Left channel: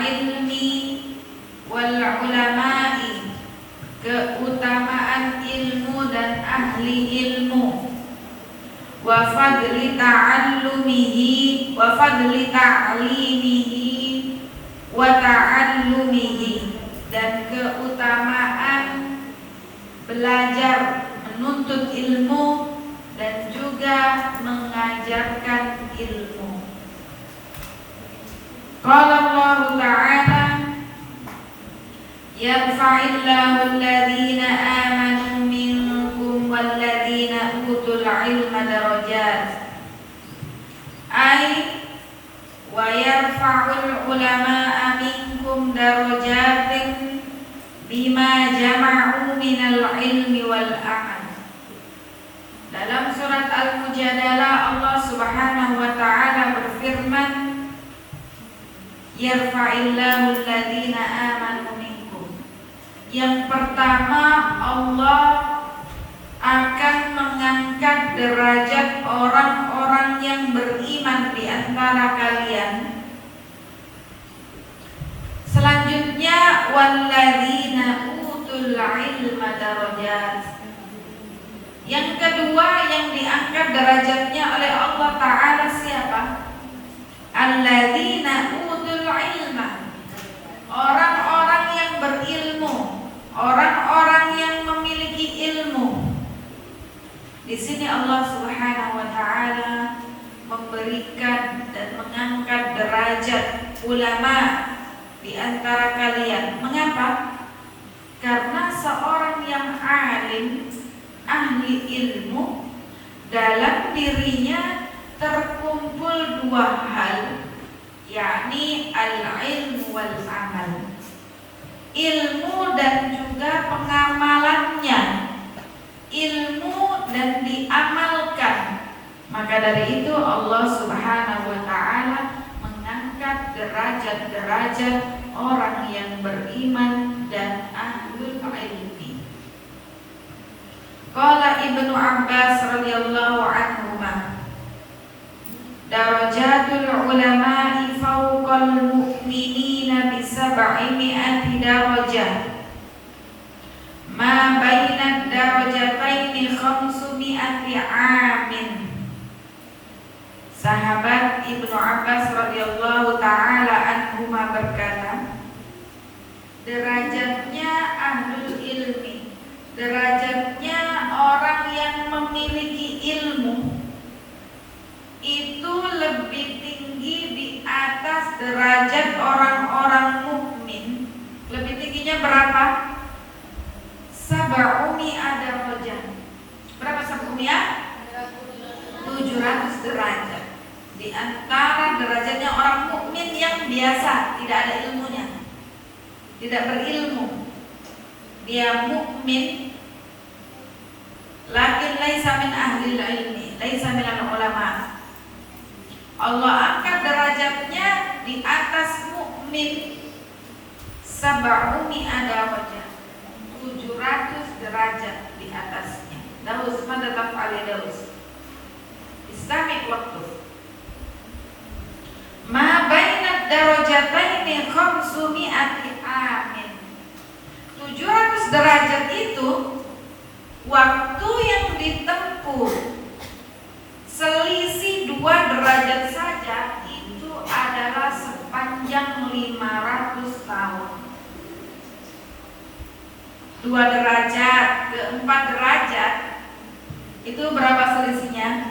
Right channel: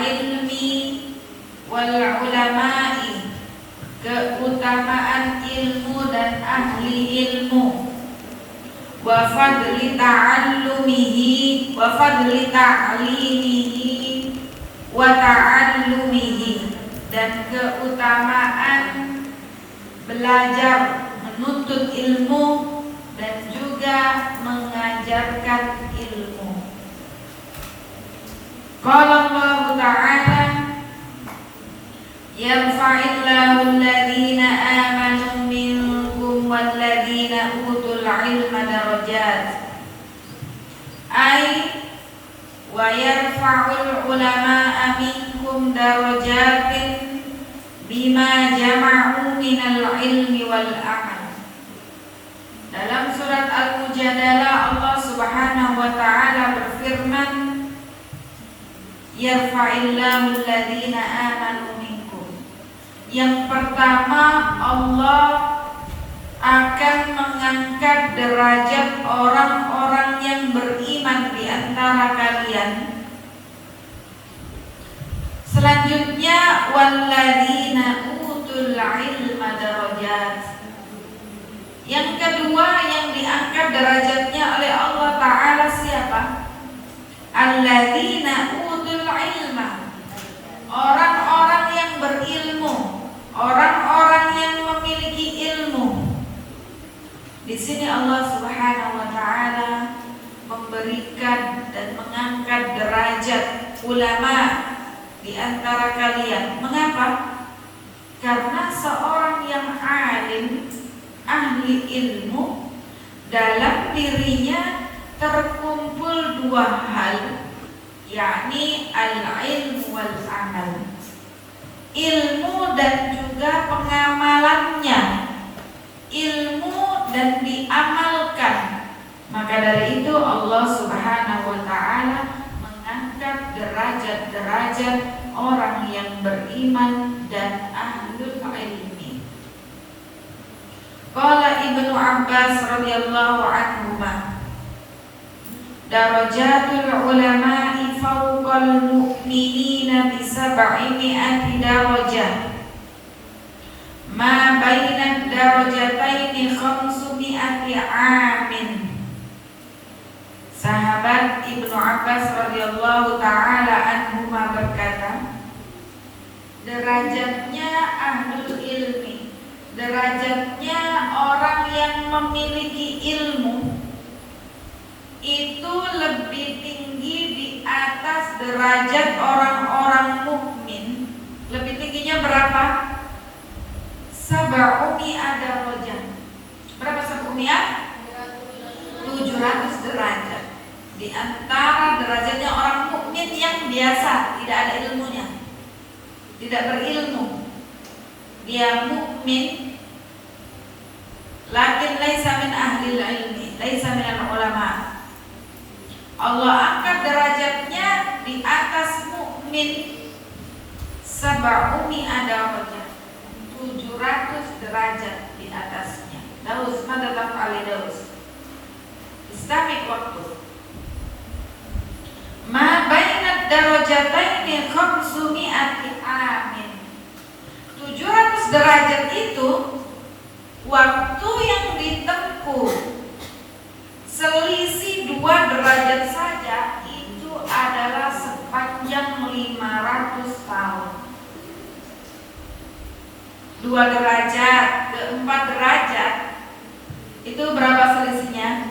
ilmi wal ulama'i, keutamaan ilmu dan ahli ilmu, wa fadli ta'allumihi wa fadli ta'limihi wa ta'allumihi, dan keutamaan belajar menuntut ilmu dan juga mengajarkan ilmu. Qala Allah Ta'ala, yarfa'illahu alladhina amanu minkum walladhina utul ilma darajat. Ay wa yarfa'ul ulama'a minkum darajatin bima jama'u minal ilmi wal amal. Dalam surat Al-Mujadalah Allah Subhanahu wa Ta'ala berfirman, yarfa'illahu alladhina amanu minkum. Yang pertama, Allah akan mengangkat derajat orang-orang yang beriman di antara kalian. Selanjutnya, walladzina utul ilma darajat. Yang kedua yang diangkat derajatnya oleh Allah Ta'ala siapa? Alladzina utul ilma, orang-orang yang berilmu, orang-orang yang memiliki ilmu. Di sini Allah Subhanahu wa Ta'ala memberikan dan mengangkat derajat ulama di antara kalian. Mengapa? Karena seorang yang alim, ahli ilmu, dalam dirinya terkumpul dua hal, yakni al-ilmu wal amal, ilmu dan juga pengamalannya, ilmu dan diamalkan. Maka dari itu Allah Subhanahu wa Ta'ala mengangkat derajat-derajat orang yang beriman dan ahlul ilmi. Qala Ibnu Abbas radhiyallahu anhuma, darajatul ulama'i fawqal mu'minina bi 700 darajah, ma baina darajataini 500 amin. Sahabat Ibnu Abbas radhiyallahu ta'ala anhuma berkata, derajatnya ahlul ilmi, derajatnya orang yang memiliki ilmu, itu lebih tinggi di atas derajat orang-orang mukmin. Lebih tingginya berapa? 700 darajat. Berapa 700? 700 derajat. Di antara derajatnya orang mukmin yang biasa, tidak ada ilmunya, tidak berilmu, dia mukmin, lakin laisa min ahli ilmi, laisa min ulama. Allah angkat derajatnya di atas mukmin 700 derajat, 700 derajat di atasnya. Daus mada taf'ali daus. Istami' waktu. Ma baina darajataini 500 amin. 700 derajat itu waktu yang ditempuh selisih 2 derajat saja itu adalah sepanjang 500 tahun. 2 derajat ke 4 derajat itu berapa selisihnya?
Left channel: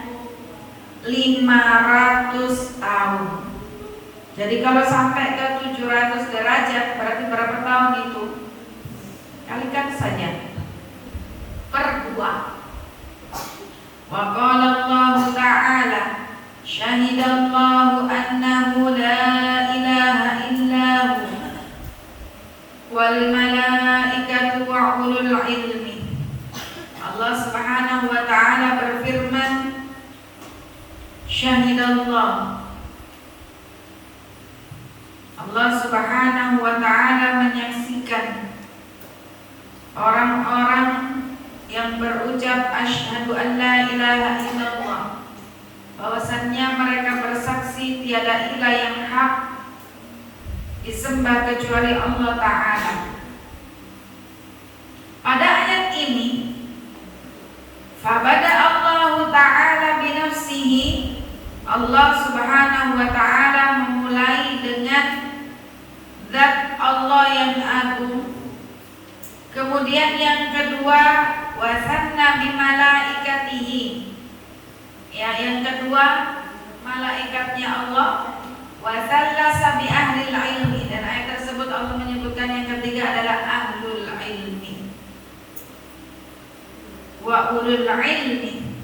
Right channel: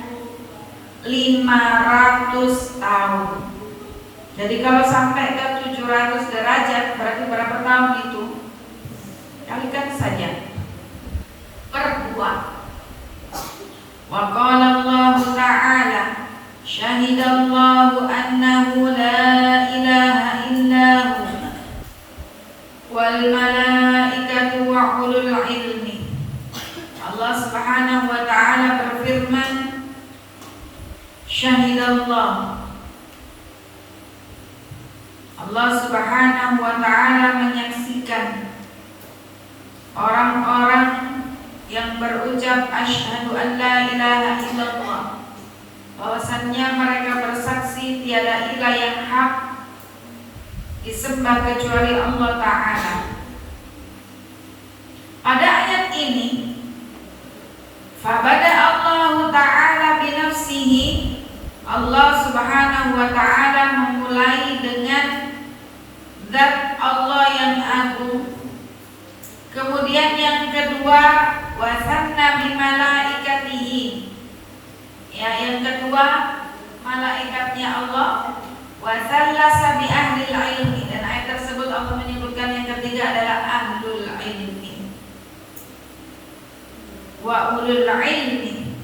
500 tahun. Jadi kalau sampai ke 700 derajat berarti berapa tahun itu? Kalikan saja per 2. Wa qala Allah Ta'ala, syahidallahu annahu la ilaha illahu wal malaikatu wa ulul ilmi. Allah Subhanahu wa Ta'ala berfirman, syahidallah, Allah Subhanahu wa Ta'ala menyaksikan orang-orang yang berucap asyhadu an la ilaha illallah, bahwasannya mereka bersaksi tiada ilah yang hak disembah kecuali Allah Ta'ala. Pada ayat ini fabada Allah Ta'ala binafsihi, Allah Subhanahu wa Ta'ala memulai dengan zat Allah yang agung. Kemudian yang kedua wasanna bimalaikatihi, ya, yang kedua malaikatnya Allah, wasallasa bi ahlil ilmi, dan ayat tersebut Allah menyebutkan yang ketiga adalah ahlul ilmi wa ulul ilmi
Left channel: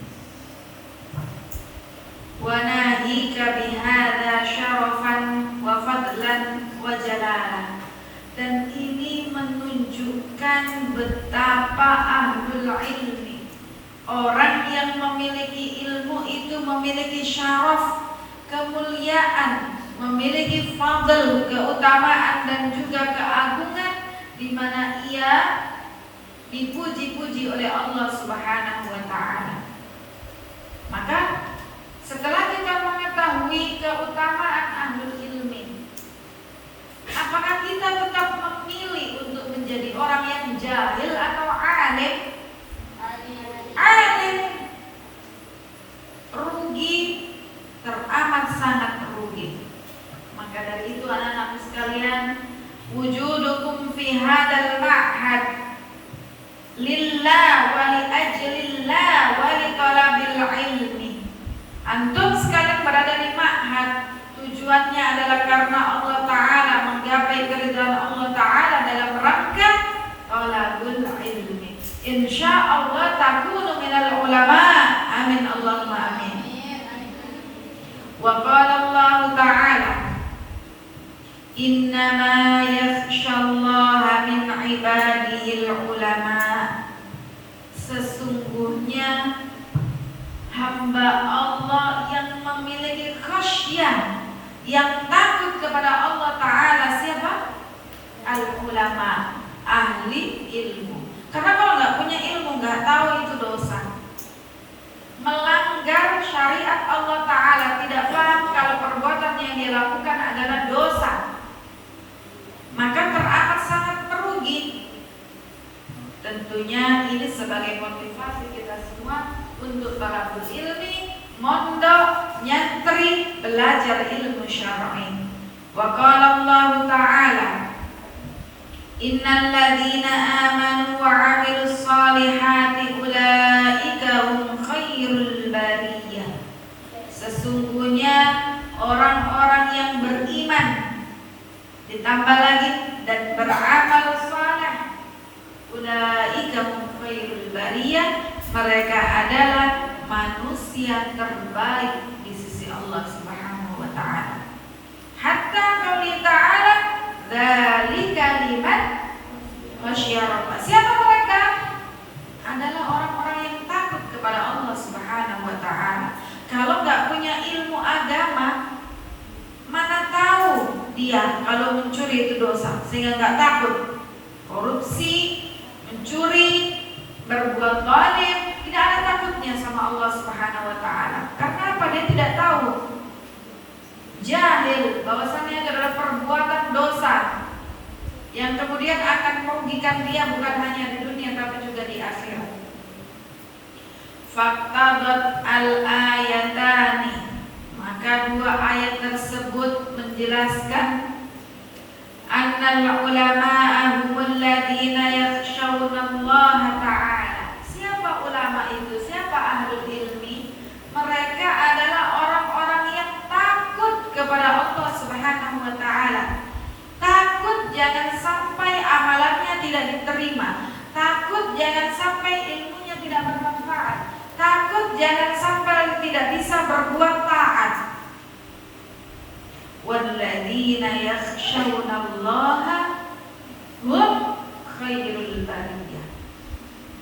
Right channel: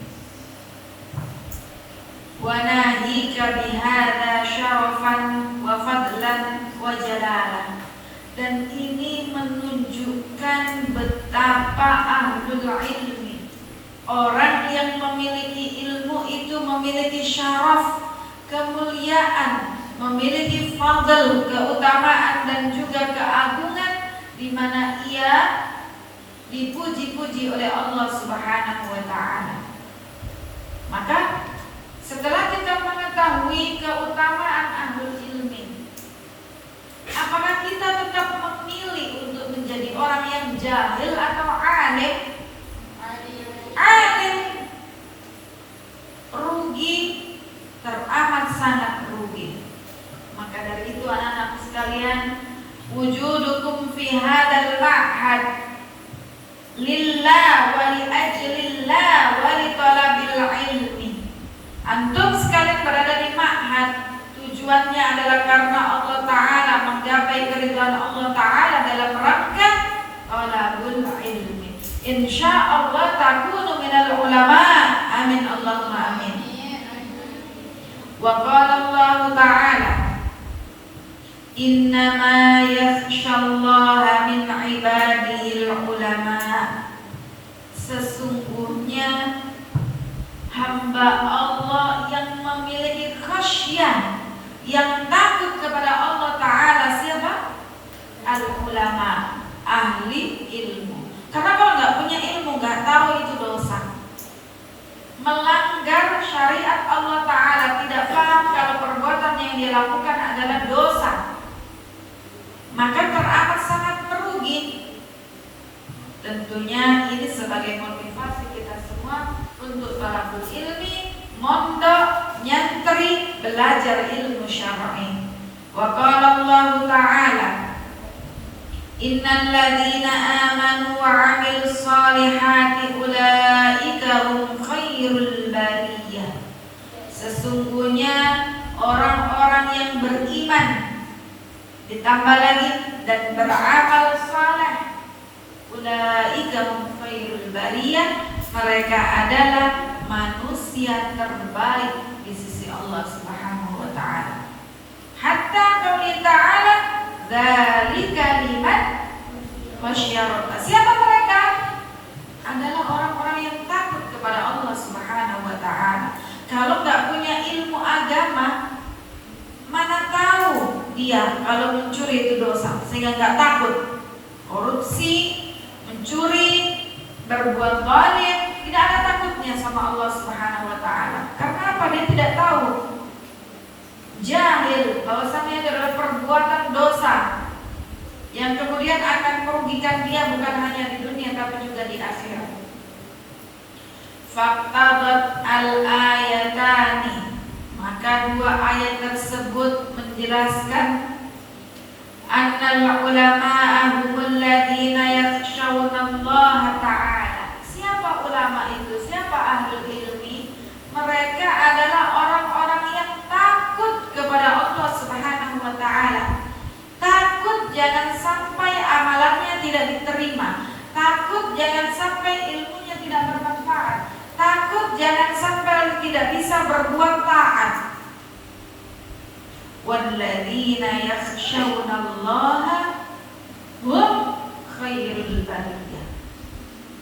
wa nahika bihadza syarafan wa fadlan wa jalalah. Dan ini menunjukkan betapa ahlul ilmi, orang yang memiliki ilmu itu memiliki syaraf, kemuliaan, memiliki fadl, keutamaan dan juga keagungan, di mana ia dipuji-puji oleh Allah Subhanahu wa Ta'ala. Maka setelah kita mengetahui keutamaan ahlul ilmi, apakah kita tetap memilih untuk menjadi orang yang jahil atau alim? Alim. Rugi, teramat sangat rugi. Maka dari itu anak-anak sekalian, wujudukum fi hadzal ma'had lillah wa li ajlillah wa li talabil ilmi. Antum sekalian berada di ma'had, tujuannya adalah karena Allah Ta'ala, menggapai keridhaan Allah Ta'ala dalam rangka talabul ilmi. Insyaallah takunu minal ulama. Amin Allahumma amin. Wa qala Allah Ta'ala innama yakhshallaha min ibadihil ulama. Sesungguhnya hamba Allah yang memiliki khasyah, yang takut kepada Allah Ta'ala siapa? Al-ulama, ahli ilmu. Karena kalau nggak punya ilmu, nggak tahu itu dosa, melanggar syariat Allah Ta'ala, tidak paham kalau perbuatan yang dia lakukan adalah dosa, maka teramat sangat merugi. Tentunya ini sebagai motivasi kita semua untuk talabul ilmi, mondok, nyantri, belajar ilmu syar'i. Wa qala Allah Ta'ala innal ladzina amanu wa 'amilus shalihati ulaika hum khairul bariyah. Sesungguhnya orang-orang yang beriman, ditambah lagi, dan beramal saleh, ulaika hum khairul bariyah, mereka adalah manusia terbaik di sisi Allah Subhanahu wa Ta'ala. Hatta qauli ta'ala dzalika liman khasyya rabbah. Siapa mereka? Adalah orang-orang yang takut kepada Allah Subhanahu wa Ta'ala. Kalau nggak punya ilmu agama, mana tahu dia kalau mencuri itu dosa, sehingga nggak takut. Korupsi, mencuri, berbuat zalim, tidak ada takutnya sama Allah Subhanahu wa Ta'ala. Karena apa? Dia tidak tahu, jahil bahwasanya itu adalah perbuatan dosa yang kemudian akan merugikan dia bukan hanya di dunia tapi juga di akhirat. Faqtadat al-ayatani, maka dua ayat tersebut menjelaskan annal ulama'a humul ladzina yakhshawna Allah Ta'ala. Siapa ulama itu? Siapa ahlul ilmi? Mereka adalah orang-orang yang takut kepada Allah Subhanahu wa Ta'ala. Takut jangan sampai amalannya tidak diterima, takut jangan sampai ilmunya tidak bermanfaat, takut jangan sampai tidak bisa berbuat taat. Walladzina yakhshawna Allaha hum khairul bariyah.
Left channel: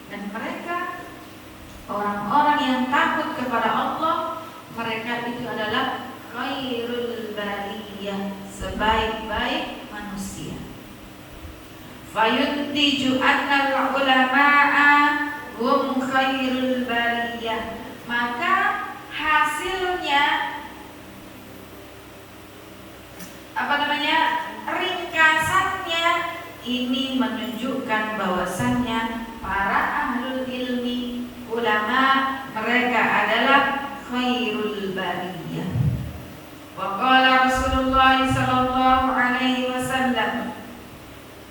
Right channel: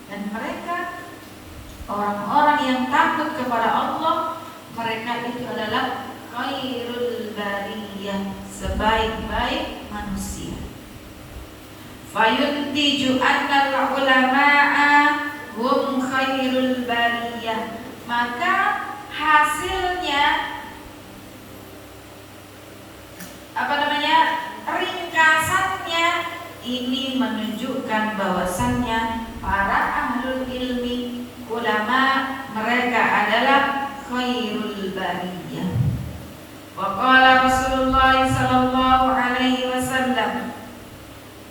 Dan mereka, orang-orang yang takut kepada Allah, mereka itu adalah khairul bariyah, sebaik-baik manusia. Fayuntiju annal ulama'a hum khairul bariyah. Maka hasilnya Ini menunjukkan bahwasannya para ahlul ilmi, ulama, mereka adalah khairul bariyah. Wa qala Rasulullah sallallahu alaihi wasallam,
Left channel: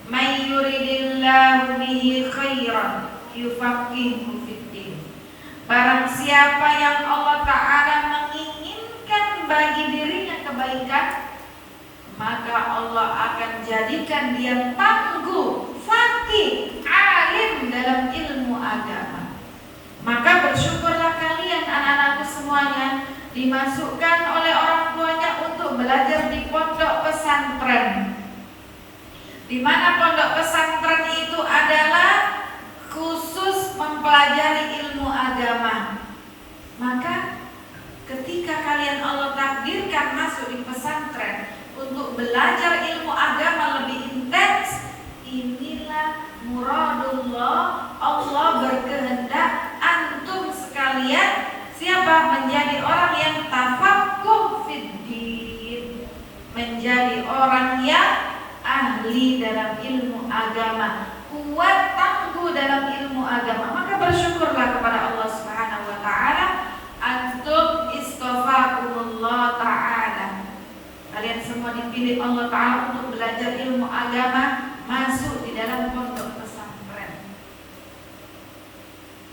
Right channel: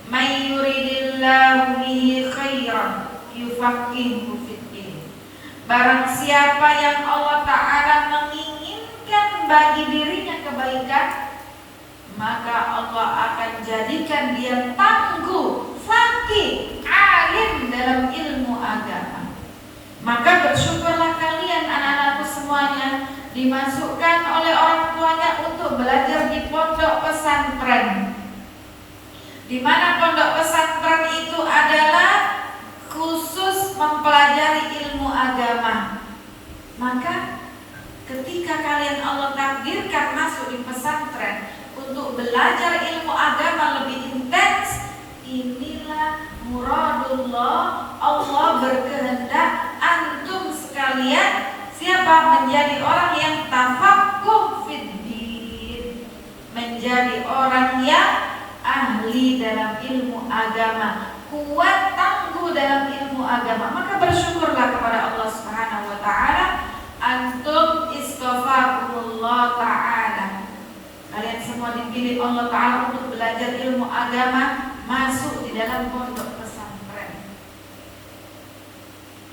"May yuridillahu bihi khairan yufaqihuhu fiddin." Barang siapa yang Allah Ta'ala menginginkan bagi dirinya kebaikan, maka Allah akan jadikan dia tangguh, faqih, alim dalam ilmu agama. Maka bersyukurlah kalian anak-anakku semuanya, dimasukkan oleh orang tuanya untuk belajar di pondok pesantren, di mana pondok pesantren itu adalah khusus mempelajari ilmu agama. Maka ketika kalian Allah takdirkan masuk di pesantren untuk belajar ilmu agama lebih intens, inilah muradullah, Allah berkehendak antum sekalian siapa? Menjadi orang yang tafaqquh fiddin, menjadi orang yang ahli dalam ilmu agama, kuat tangguh dalam ilmu agama. Maka bersyukurlah kepada Allah Subhanahu wa taala, antum istafakumullah taala. Kalian semua dipilih Allah taala untuk belajar ilmu agama, masuk di dalam pondok pesantren.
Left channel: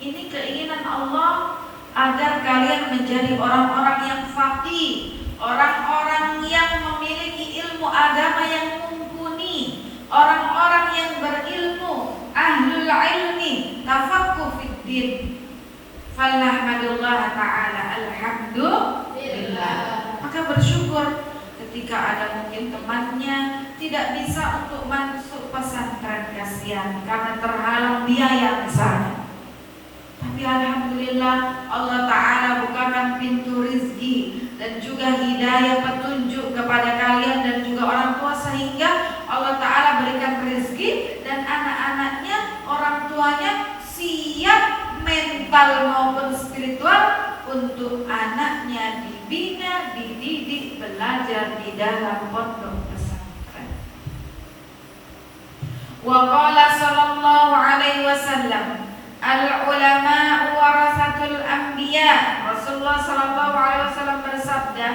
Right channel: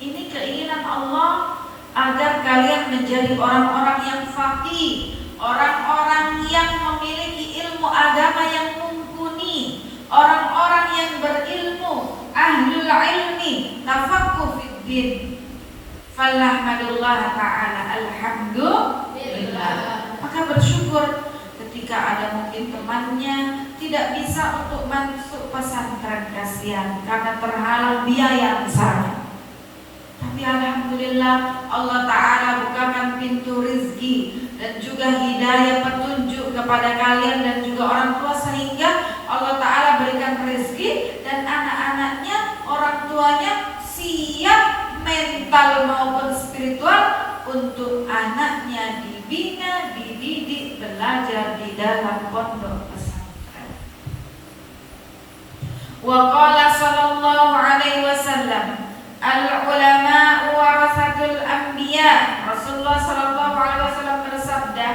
Ini keinginan Allah agar kalian menjadi orang-orang yang faqih, orang-orang yang memiliki ilmu agama yang mumpuni, orang-orang yang berilmu, ahlul ilmi, tafaqquh fiddin. Falahmadullah ta'ala, alhamdulillah. Maka bersyukur ketika ada mungkin temannya tidak bisa untuk masuk pesantren, kasihan karena terhalang biaya misalnya. Tapi alhamdulillah Allah Ta'ala bukakan pintu rizki dan juga hidayah petunjuk kepada kalian dan juga orang tua, sehingga Allah Ta'ala berikan rizki dan anak-anaknya, orang tuanya siap mental maupun spiritual untuk anaknya dibina, dididik, belajar di dalam pondok pesantren. Wa qala sallallahu alaihi wasallam, al-ulama warasatul anbiya. Rasulullah sallallahu alaihi wasallam bersabda,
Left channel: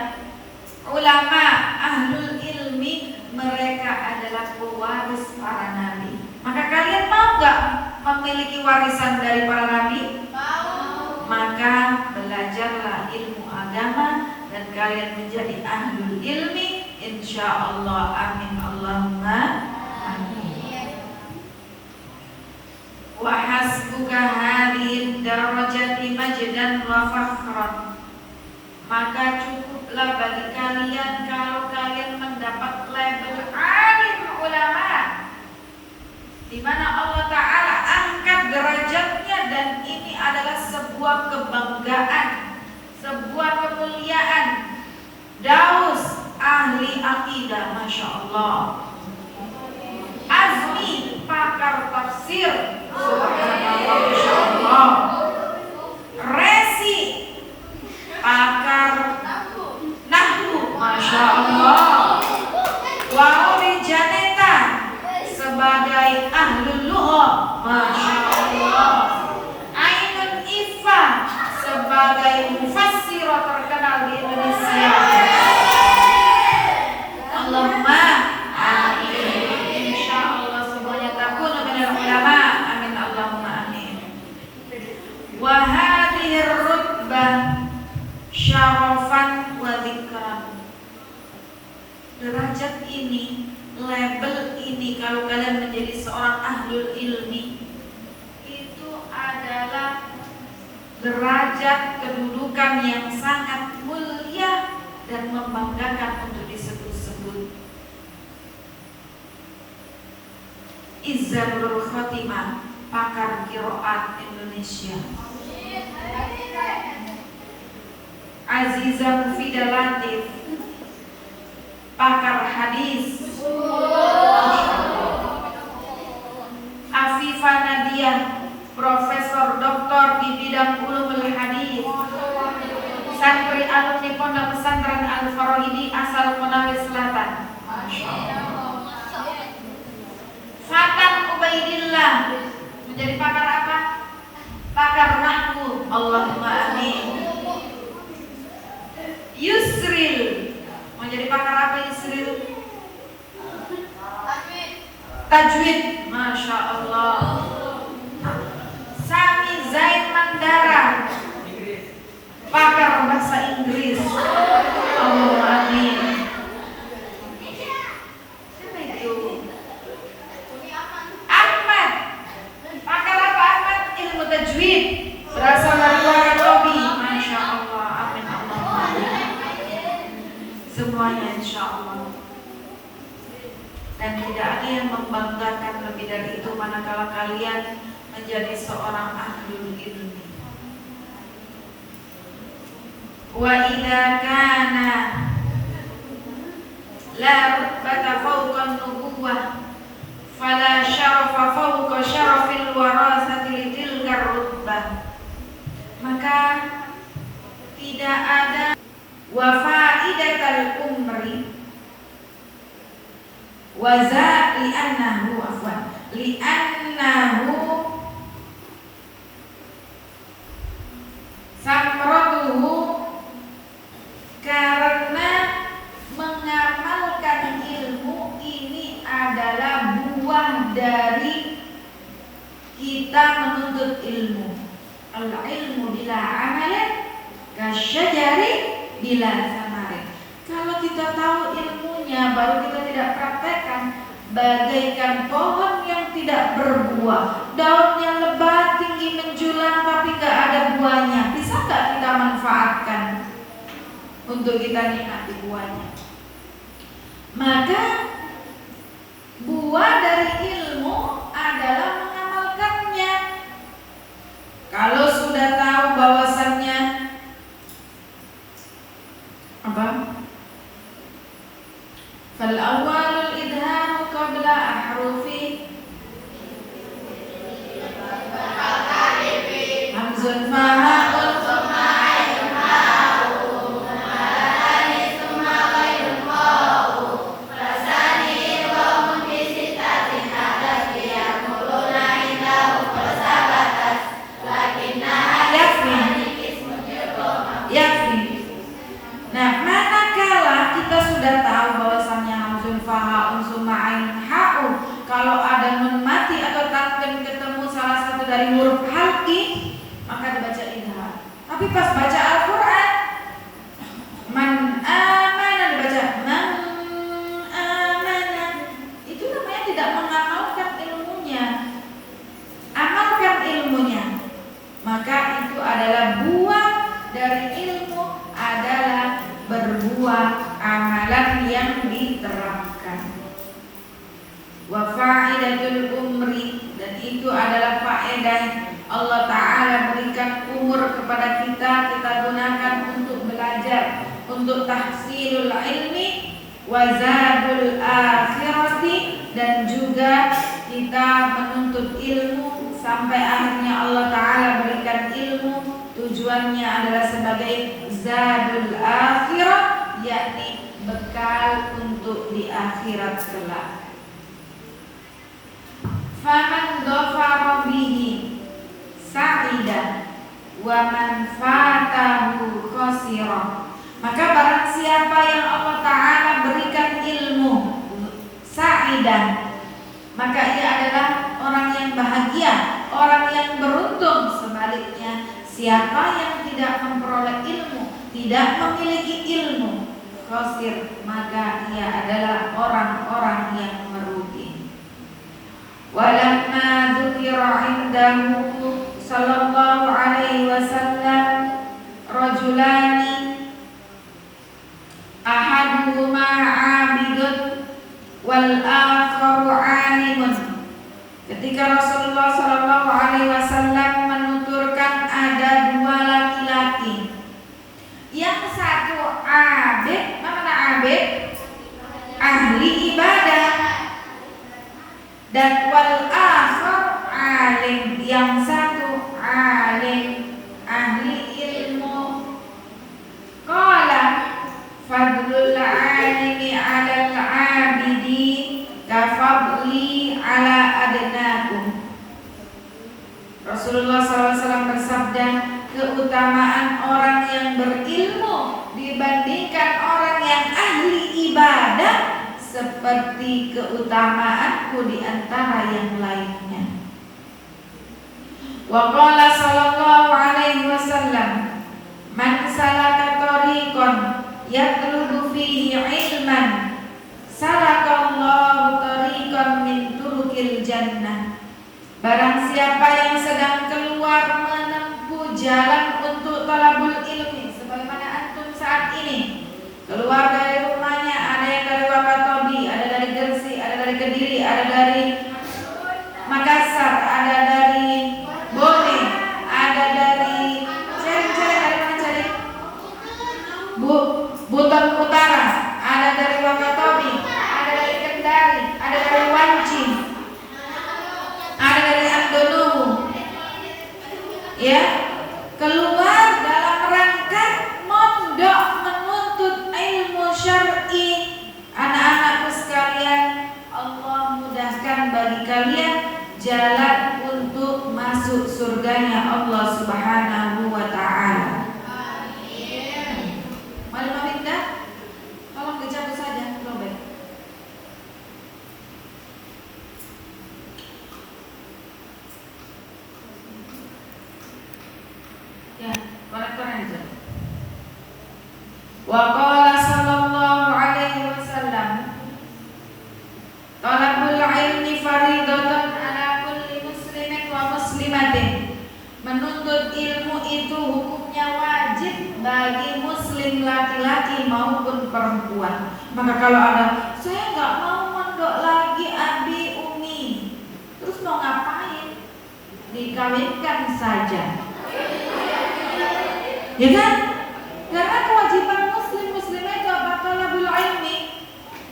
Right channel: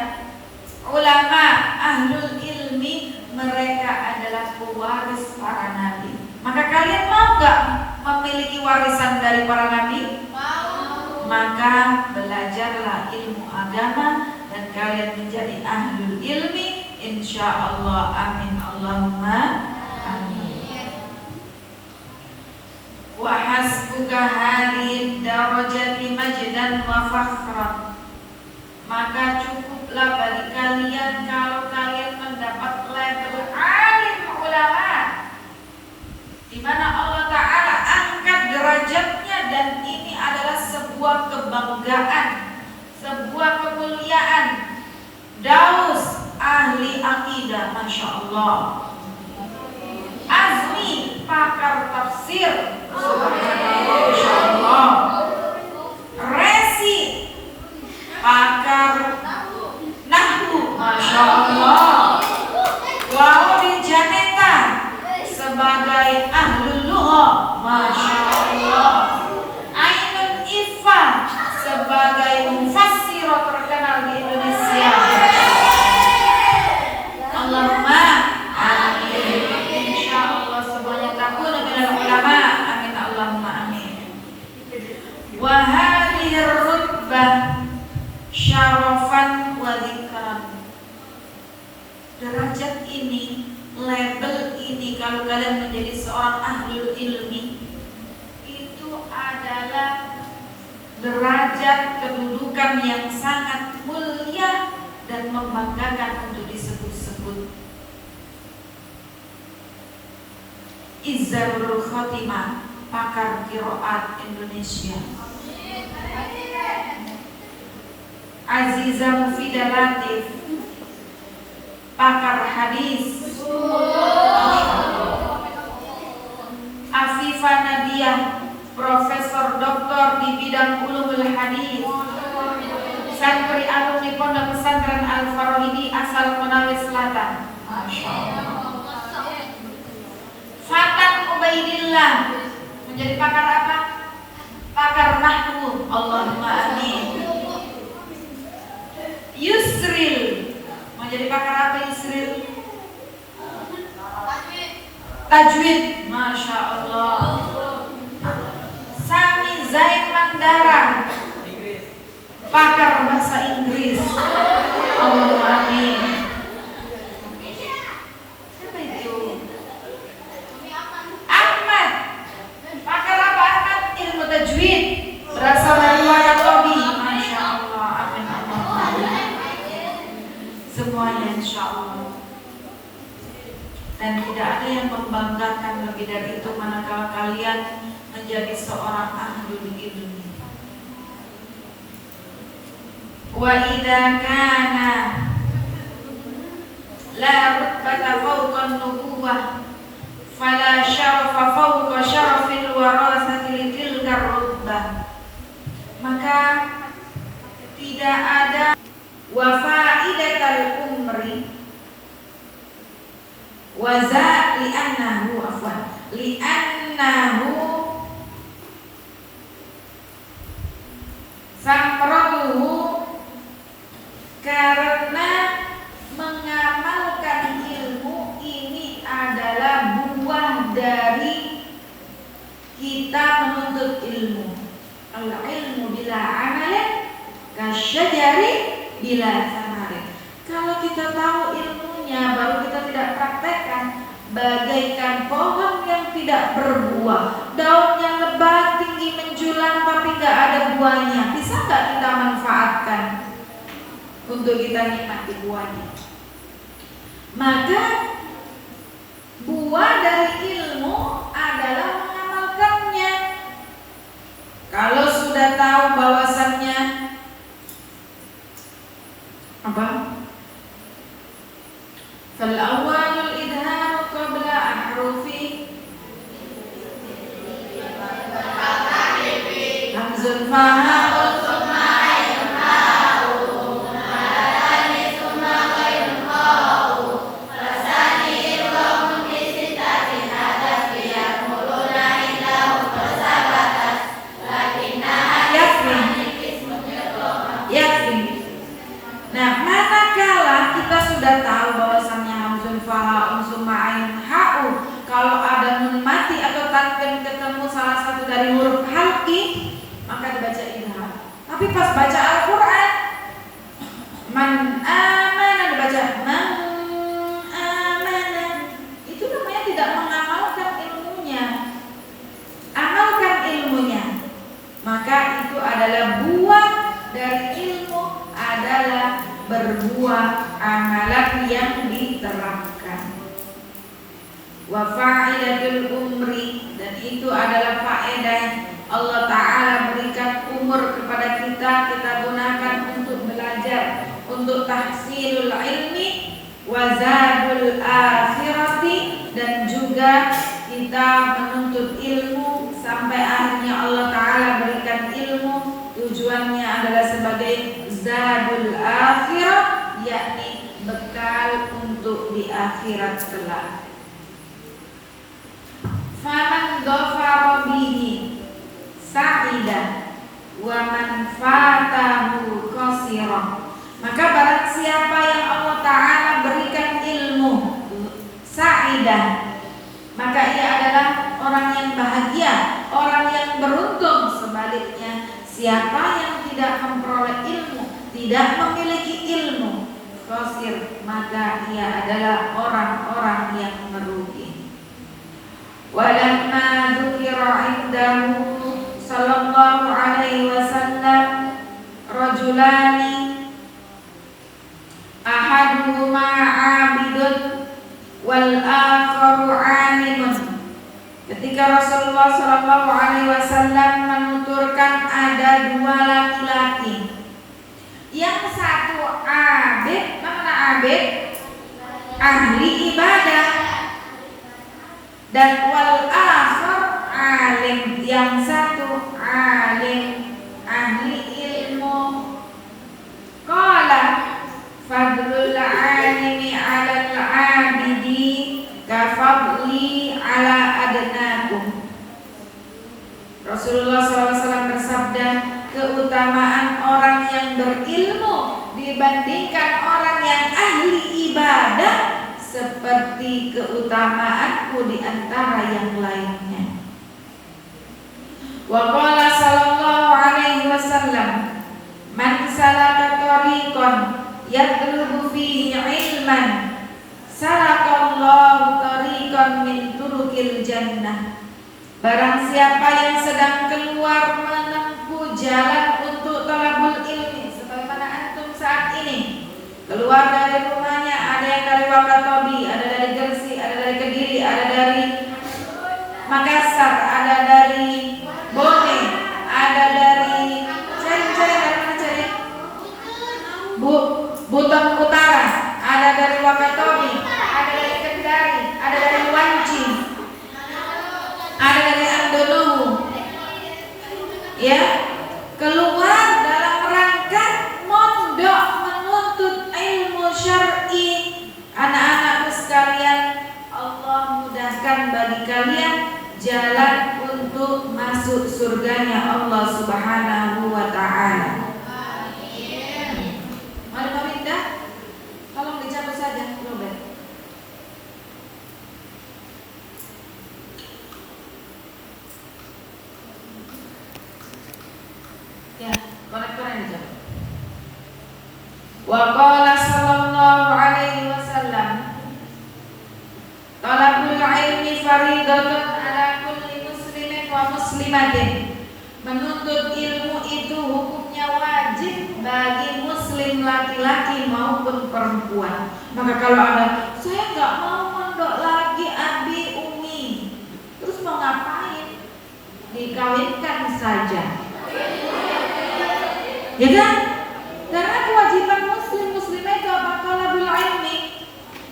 ulama, ahlul ilmi, mereka adalah pewaris para nabi. Maka kalian mau gak memiliki warisan dari para nabi? Mau. Maka belajarlah ilmu agama dan kalian menjadi ahlul ilmi, insyaallah. Amin Allahumma amin. Wa hasbuka hadhihi darajati majdan wa fakhran. Maka cukuplah bagi kalian kalau kalian mendapat label alim ulama, di mana Allah Ta'ala angkat derajatnya, dan ini adalah sebuah kebanggaan, sebuah kemuliaan. Daus ahli akidah, Masya Allah. Azmi pakar tafsir, subhanallah, Masya Allah. Resi pakar nahwu, Masya Allah. Waori Janeta sebagai ahlul lugha, Masya Allah. Ainul Ifa sebagai mufassirah terkenal di Indonesia. Allahumma amin. Insyaallah semuanya takun minal ulama. Amin Allahumma amin. Wa hadhihi rutbah syarafan wa dzikran. Derajat ini, label ini, kalau kalian menjadi seorang ahlul ilmi, itu adalah derajat kedudukan yang sangat mulia dan membanggakan untuk disebut-sebut. Izzarul Khotimah, pakar qiraat Indonesia. Azizah Mufidah Latif, pakar hadis. Afifah Nadia, profesor doktor di bidang ulumul hadis. Santri alumni Pondok Pesantren Al-Farahidi asal Konawe Selatan. Menjadi pakar apa? Pakar nahwu. Allahumma amin. Yusril. Menjadi pakar apa Yusril? Tajwid. Masya Allah. Sami Zain Mandara, pakar bahasa Inggris. Allahumma amin. Siapa itu? Ahmad. Pakar apa Ahmad? Ilmu tajwid. Berasal dari Warabi. Masya Allah. Amin Allah. Semuanya insya Allah. Dan tidak ada yang membanggakan lebih dari itu manakala kalian menjadi seorang ahlul ilmi. Wa idza kana la rutbata fawqa an-nubuwah fala syarafa fawqa syarafil warasati tilka rutbah. Maka tidak ada wa faidatul umri wa za li'annahu afwan li'annahu samratuhu, karena mengamalkan ilmu ini adalah buah dari kita menuntut ilmu. Al-ilmu bila amalin kasyajari bila samarin. Kalau kita tahu ilmunya baru kita tidak praktekkan, bagaikan pohon yang tidak berbuah, daunnya lebat, tinggi menjulang, tapi nggak ada buahnya. Bisa nggak kita manfaatkan untuk kita nikmati buahnya? Maka buah dari ilmu adalah mengamalkannya. Kalau sudah tahu bahwasannya apa? Fal awwalul idham qabla ahrufi hamzun fa'ul thumma ayn ha'u malatani thumma ghairun qa'u rasani idhamun bi sittatin hadaf yaquluna indahu fasabatas lakinna yakfi. Nah, manakala kita sudah tahu bahwasannya hamzun fa'un summa ayn ha'u, kalau ada nun mati atau tanwin ketemu salah satu dari huruf halqi, maka dibaca idgham. Tapi pas baca Al-Qur'an, man amana dibaca man amana. Itu namanya tidak mengamalkan ilmunya. Amalkan ilmunya. Maka itu adalah buah dari ilmu, adalah berbuah amalan yang diterapkan. Wa fa'idatul umri, dan itu adalah faedah Allah Ta'ala berikan umur kepada kita, kita gunakan untuk belajar, untuk tahsilul ilmi wa zadul akhirati, dan juga kita menuntut ilmu sampai akhirnya Allah Ta'ala berikan ilmu. Tujuannya adalah sebagai zadul akhirah, yakni bekal untuk di akhirat kelak. Faman dhafara bihi sa'idah wa man fatahu qasira. Maka barang siapa yang Allah Ta'ala berikan ilmu sa'idah, maka ia adalah orang yang bahagia, orang yang beruntung. Sebaliknya, siapa yang tidak memperoleh ilmu, tidak memiliki ilmu, qasir, maka ia adalah orang-orang yang merugi. Walamma dzukira indahu sallallahu alaihi wasallam rajulani ahaduhuma 'abidun wal akharu 'alimun. Ketika Rasulullah sallallahu alaihi wasallam menuturkan ada dua laki-laki, yang satu abid, mana abid? Ahli ibadah. Dan wal akhar alim, yang satu alim, ahli ilmu. Qala fadlul alimi 'alal 'abidi kafadli 'ala adnakum. Rasulullah SAW bersabda, keutamaan orang yang berilmu dibandingkan orang yang ahli ibadah seperti keutamaanku di antara yang lainnya. Wa qala sallallahu alaihi wasallam, man salaka tariqan yatlubu fihi ilman salakallahu tariqan min turukil jannah. Barang siapa yang sedang keluar menempuh jalan untuk talabul ilmi, sebagaimana antum saat ini keluar dari rumahnya, ada yang dari Wakatobi, ada dari Gresik, ada dari Kediri, ada dari Makassar, ada dari Bone, ada dari cari dari mana cari? Buton Utara, ada dari Wakatobi, ada dari Kendari, ada dari Wanci, ada dari Andonuhu. Ya, keluar dalam rangka mondok menuntut ilmu syar'i. Anak-anakku sekalian, Allah mudahkan bagi kalian jalan untuk masuk surganya Allah Subhanahu wa ta'ala. Amin. Mari memindah, tolong dicabut saja, Robert. Ya, konektornya dicabut. Wa qala sallallahu alaihi wasallam, talabul ilmi faridatun ala kulli muslimin wa muslimatin. Menuntut ilmu itu hukumnya wajib bagi muslim laki-laki maupun perempuan. Maka kalau ada, saya nggak mau mondok lagi Abi Umi, terus mau ngapain? Dikawinkan saja, ya kan? Karena kewajiban muslimah itu apa? Talabul ilmi.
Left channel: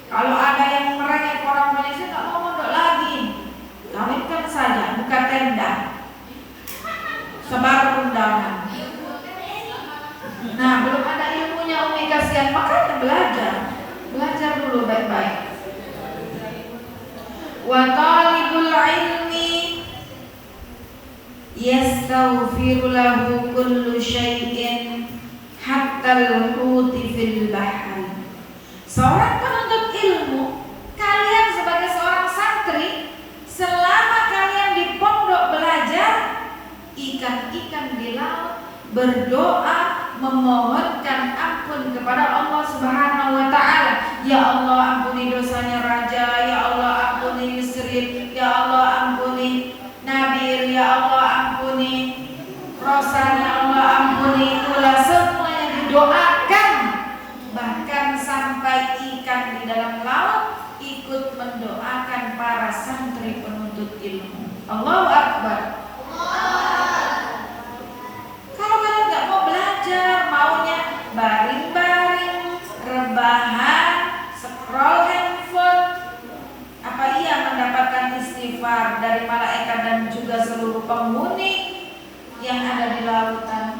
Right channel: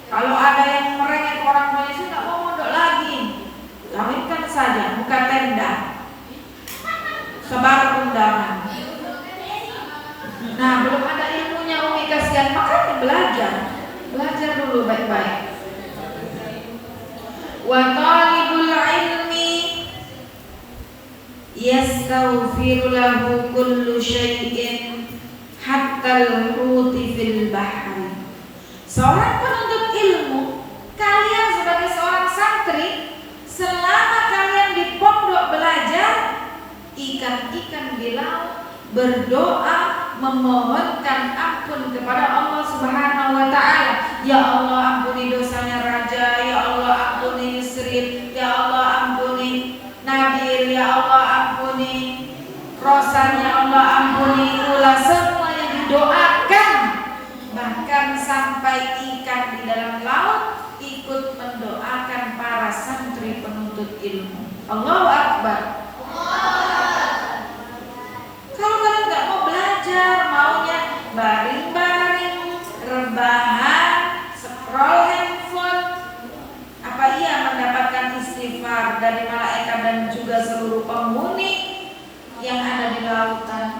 Kalau ada yang merengek orang Indonesia nggak mau mondok lagi, kawinkan saja, buka tenda, sebar undangan. Nah, belum ada ilmunya Umi, kasihan, makanya belajar dulu baik-baik. Wa talibul ilmi yastaghfiru lahu kullu syai'in hatta al-huti fil bahri. Seorang penuntut ilmu, kalian sebagai seorang santri, selama kalian di pondok belajar, ikan-ikan di laut berdoa memohonkan ampun kepada Allah Subhanahu wa ta'ala. Ya Allah, ampuni dosanya Raja, ya Allah ampuni Yusril, ya Allah ampuni Nabil, ya Allah ampuni Rosan, ya Allah ampuni Ula. Semua yang didoakan, bahkan sampai ikan di dalam laut ikut mendoakan para santri penuntut ilmu. Allahu Akbar. Kalau kalian nggak mau belajar, maunya baring-baring, rebahan, scroll handphone, apa ia mendapatkan istighfar dari malaikat dan juga seluruh penghuni yang ada di lautan?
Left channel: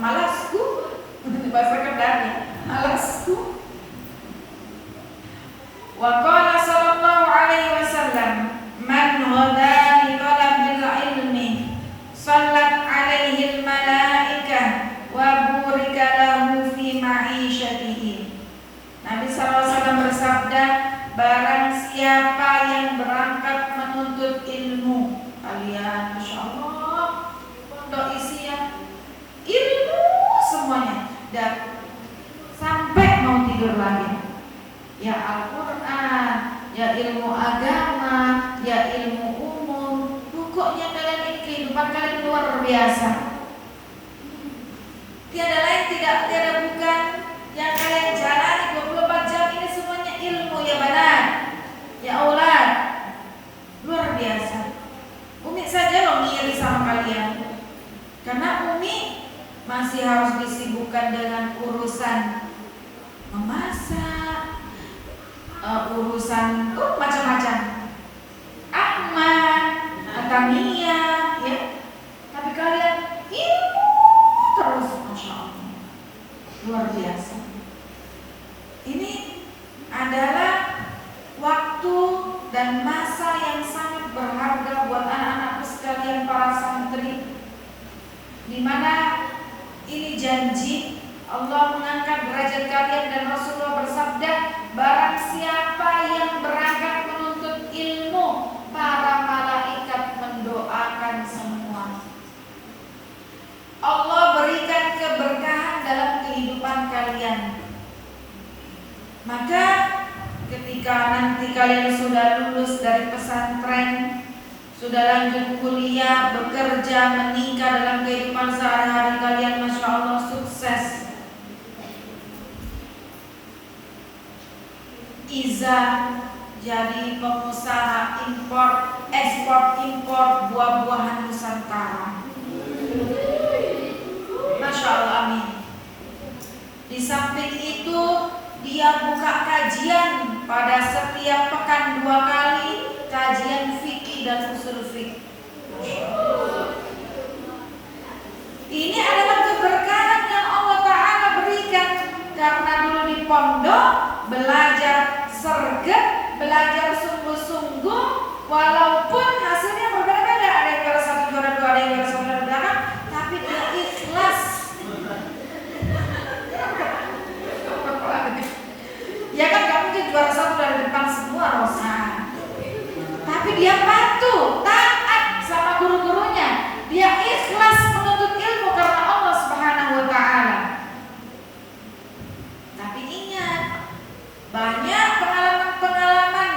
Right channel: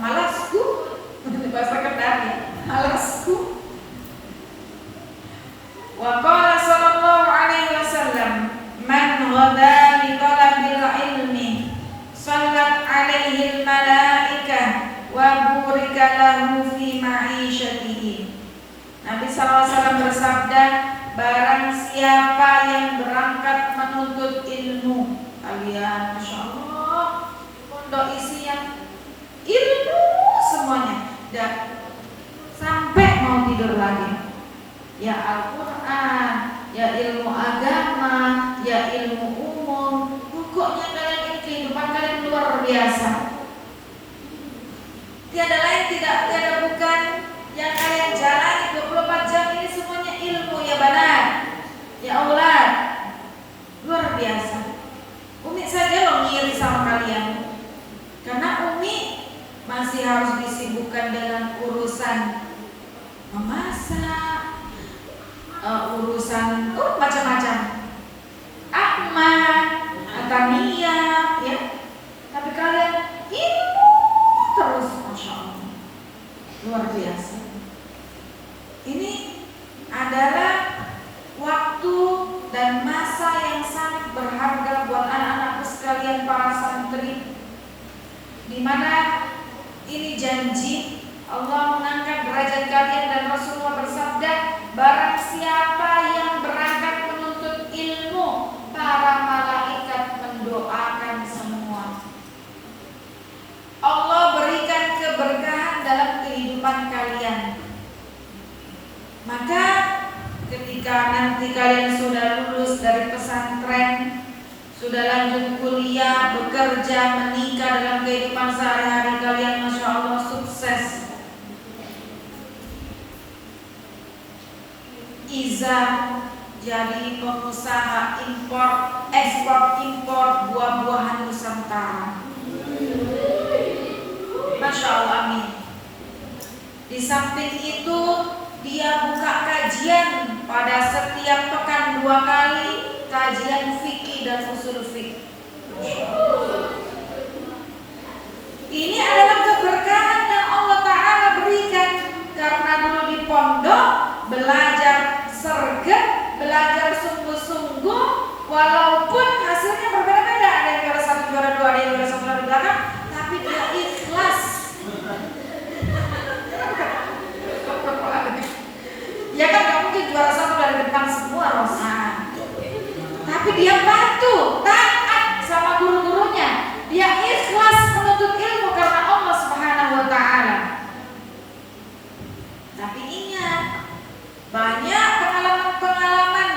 Malasku, bahasa Kendari, malasku. Wa qala sallallahu alaihi wasallam, man ghada li talabil ilmi sallat alaihi al-malaikah wa burika lahu fi ma'ishatihi. Nabi SAW bersabda, barang siapa yang berangkat menuntut ilmu, kalian Masya Allah pondok isi yang ilmu semuanya, dan sampai mau tidur lagi, ya Al-Quran, ya ilmu agama, ya ilmu umum. Pokoknya kalian ini kehidupan kalian luar biasa. Tiada lain, tiada bukan yang kalian jalani 24 jam ini semuanya ilmu, ya banat, ya aulad. Luar biasa. Umi saja loh ngiri sama kalian, karena Umi masih harus disibukkan dengan urusan memasak, urusan macam-macam, Ahmad, Atamia, ya. Tapi kalian ilmu terus, Masya Allah, luar biasa. Ini adalah waktu dan masa yang sangat sekalian para santri, di mana ini janji Allah mengangkat derajat kalian dan Rasulullah bersabda, barang siapa yang berangkat menuntut ilmu, para malaikat mendoakan semua. Allah berikan keberkahan dalam kehidupan kalian. Maka ketika nanti kalian sudah lulus dari pesantren, sudah lanjut kuliah, bekerja, menikah, dalam kehidupan sehari-hari kalian Masya Allah sukses, Iza jadi pengusaha ekspor impor buah-buahan Nusantara. Masya Allah, amin. Di samping itu dia buka kajian pada setiap pekan 2 kali, kajian fikih dan usul fikih. Ini adalah keberkahan yang Allah Ta'ala berikan, karena dulu di pondok belajar serget, belajar sungguh-sungguh, walaupun hasilnya berbeda-beda, ada yang juara 1, juara 2, ada yang juara 1 dari belakang, tapi dia ikhlas. Ya kan gak mungkin juara 1 dari depan semua, Rosa. Tapi dia patuh, taat sama guru-gurunya. Dia ikhlas menuntut ilmu karena Allah Subhanahu wa Ta'ala. Tapi ingat, banyak pengalaman-pengalaman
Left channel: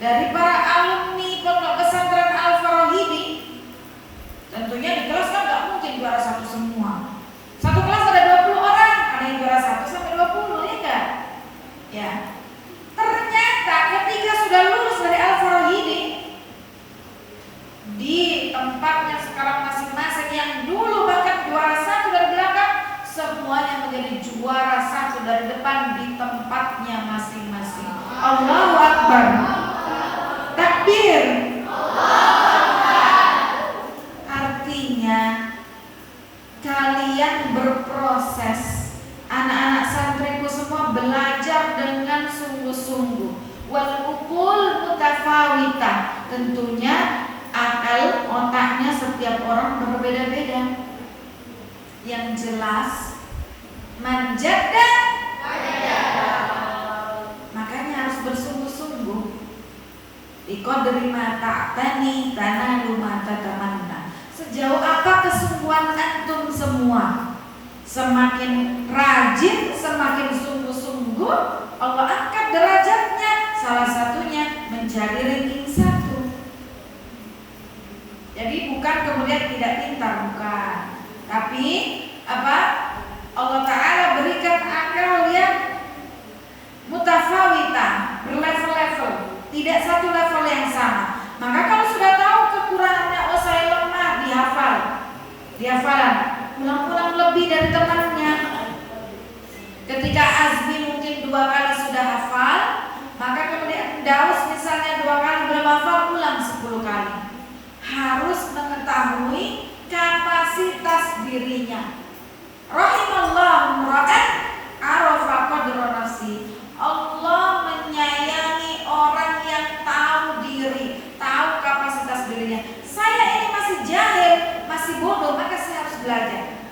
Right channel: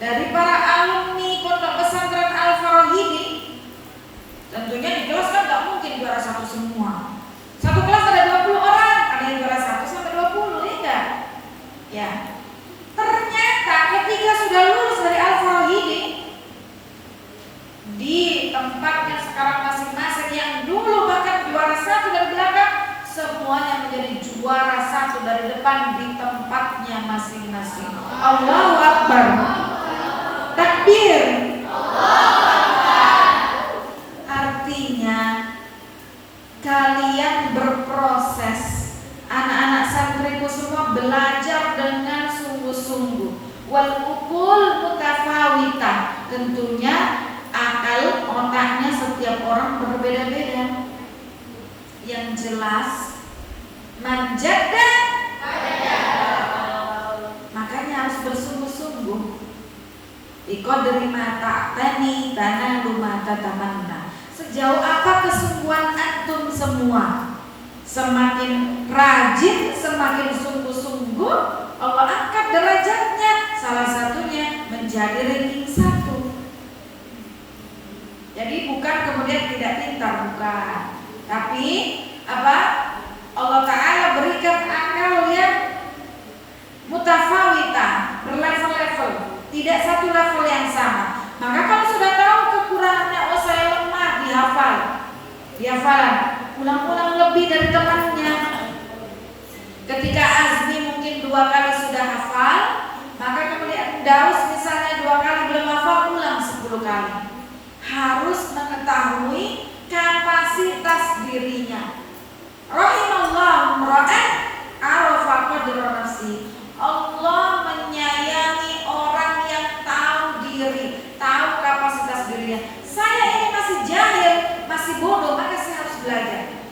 dari para alumni Pondok Pesantren Al-Farahidi. Tentunya di kelas kan gak mungkin juara 1 semua. Satu kelas ada 20 orang, ada yang juara 1 sampai 20, ya enggak? Ya. Ternyata ketika sudah lulus dari Al-Farahidi, di tempatnya sekarang masing-masing, yang dulu bahkan juara 1 dari belakang, semuanya menjadi juara 1 dari depan di tempatnya masing-masing. Allahu Akbar. Takbir. Artinya kalian berproses, anak-anak santriku semua belajar dengan sungguh-sungguh. Wal uqul mutafawita. Tentunya akal otaknya setiap orang berbeda-beda. Yang jelas manjada, makanya harus bersungguh-sungguh. Iqadri ma ta'tani tanalu ma tatamanna. Sejauh apa kesungguhan antum semua, semakin rajin, semakin sungguh-sungguh, Allah angkat derajatnya. Salah satunya menjadi ranking 1. Jadi bukan kemudian tidak pintar, bukan. Tapi apa? Allah Ta'ala berikan akal yang mutafawita, berlevel-level, tidak satu level yang sama. Maka kalau sudah tahu kekurangannya, oh saya lemah di hafalan, ulang-ulang lebih dari temannya. Ketika Azmi mungkin 2 kali sudah hafal, maka kemudian Daus misalnya 2 kali belum hafal, ulang 10 kali. Harus mengetahui kapasitas dirinya. Rahimallahu ra'an arafa qadra nafsi. Allah menyayangi orang yang tahu diri, tahu kapasitas dirinya. Saya ini masih jahil, masih bodoh, maka saya harus belajar.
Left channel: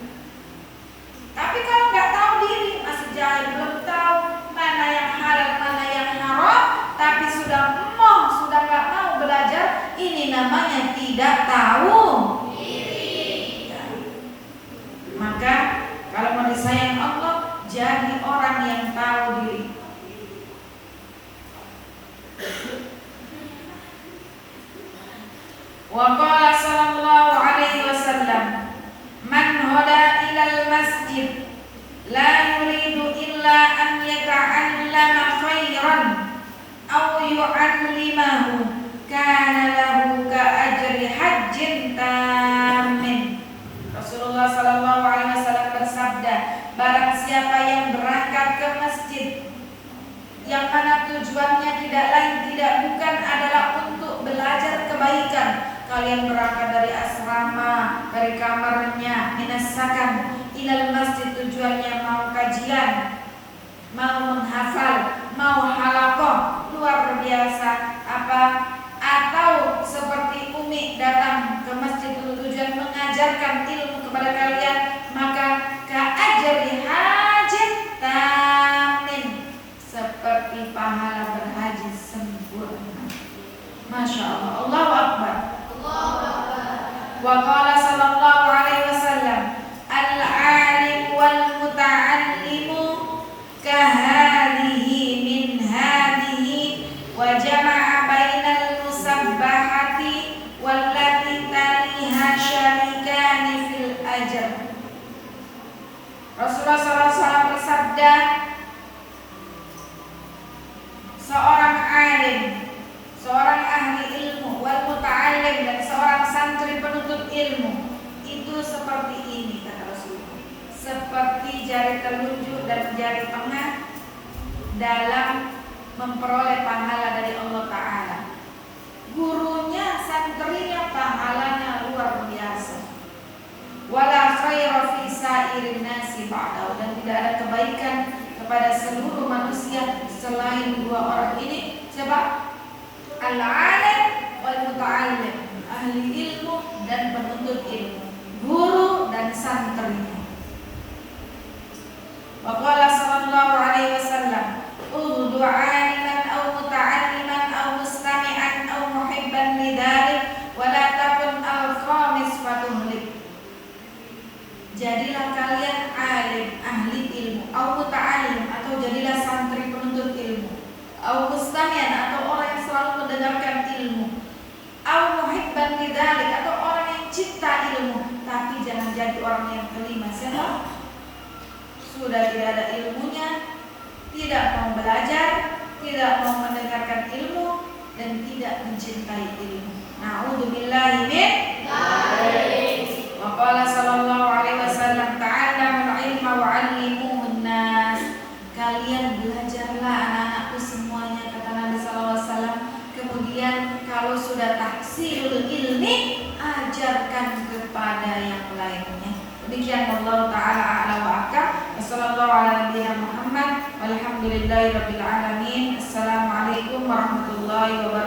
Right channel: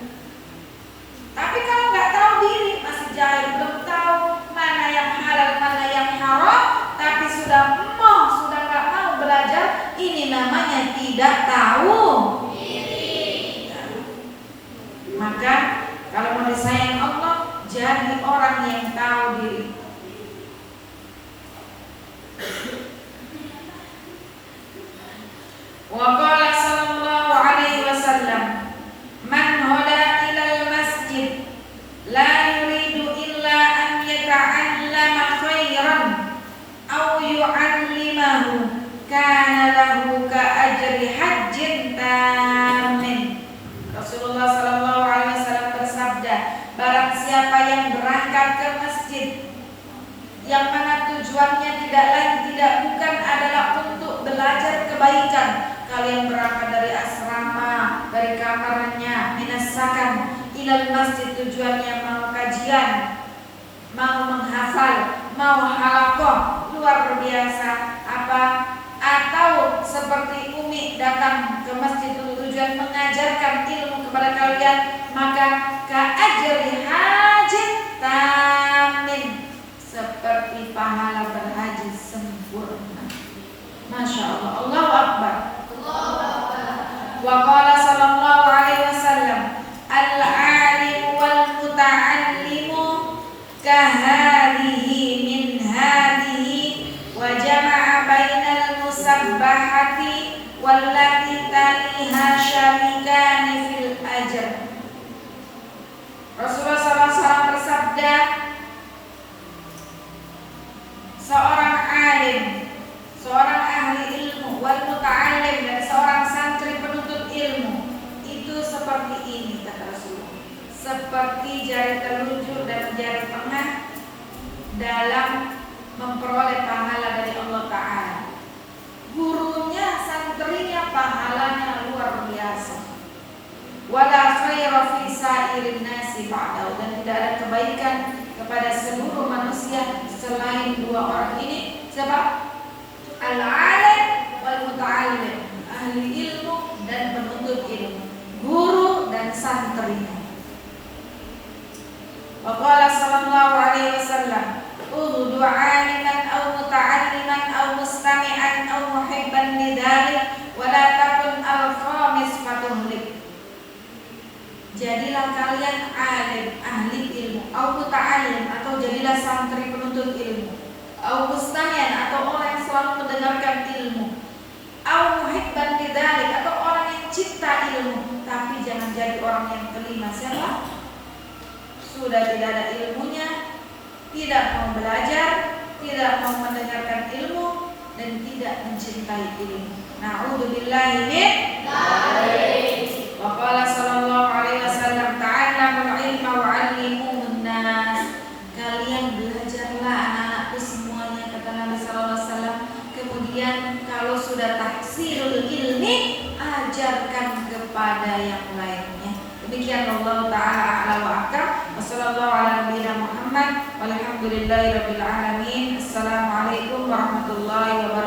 Tapi kalau nggak tahu diri, masih jahil, belum tahu mana yang halal, mana yang haram, tapi sudah nggak mau belajar, ini namanya tidak tahu diri. Maka kalau mau disayang Allah, jadi orang yang tahu diri. Wa qala sallallahu alaihi wasallam, man hada ilal masjid la yuridu illa an yata'allama khairan aw yu'allimahu kana lahu ka ajri hajjin tamin. Rasulullah sallallahu alaihi wasallam bersabda, barang siapa yang berangkat ke masjid yang mana tujuannya tidak lain tidak bukan adalah untuk belajar kebaikan. Kalian berangkat dari asrama, dari kamarnya, minasakan ilal masjid, tujuannya mau kajian, mau menghafal, mau halaqah luar biasa apa, atau seperti Umi datang ke ke masjid untuk tujuan mengajarkan ilmu kepada kalian, maka ka'ajri hajin tamin, seperti pahala berhaji sempurna. Masya Allah, Allahu Akbar. Wa qala sallallahu alaihi wasallam, al-alim wal muta'allimu kahadihi min hadihi, wa jama'a bainal musabbahati wallati taliha syarikani fil ajr. Rasulullah SAW bersabda, seorang alim, seorang ahli ilmu, wal muta'allim, dan seorang santri penuntut ilmu itu seperti ini, kata Rasulullah, seperti jari telunjuk dan jari tengah dalam memperoleh pahala dari Allah Ta'ala. Gurunya, santrinya, pahalanya luar biasa. Wala khaira fi sa'irin nasi ba'dahu, dan tidak ada kebaikan kepada seluruh manusia selain dua orang ini. Siapa? Al-alim wal muta'allim, ahli ilmu dan penuntut ilmu, guru dan santrinya. Wa qala sallallahu alaihi wasallam, ughdu 'aliman aw muta'alliman aw mustami'an aw muhibban lidzalik wa la takun al-khamis fatuhlik. Jadilah kalian alim, ahli ilmu, aw muta'allim, atau jadilah santri penuntut ilmu, aw mustami'an, atau orang yang selalu mendengarkan ilmu, aw muhibban lidzalik, atau orang yang cinta ilmu, tapi jangan jadi orang yang kelima. Siapa? Sudah tidak ada ilmunya, tidak mau belajar, tidak mau mendengarkan ilmu, dan tidak mencintai ilmu. Na'udzubillahi min dzalik. Wa qala sallallahu alaihi wasallam, ta'allamul ilma wa 'allimuhun nas. Kalian belajarlah anak-anakku semuanya, kata Nabi sallallahu alaihi wasallam. Kemudian kalau sudah tahsilul ilmi, ajarkan kepada yang lainnya. Demikian Allah Ta'ala a'la wa ahkam. Wassallallahu ala nabiyina Muhammad walhamdulillahi rabbil alamin. Assalamualaikum warahmatullahi wabarakatuh.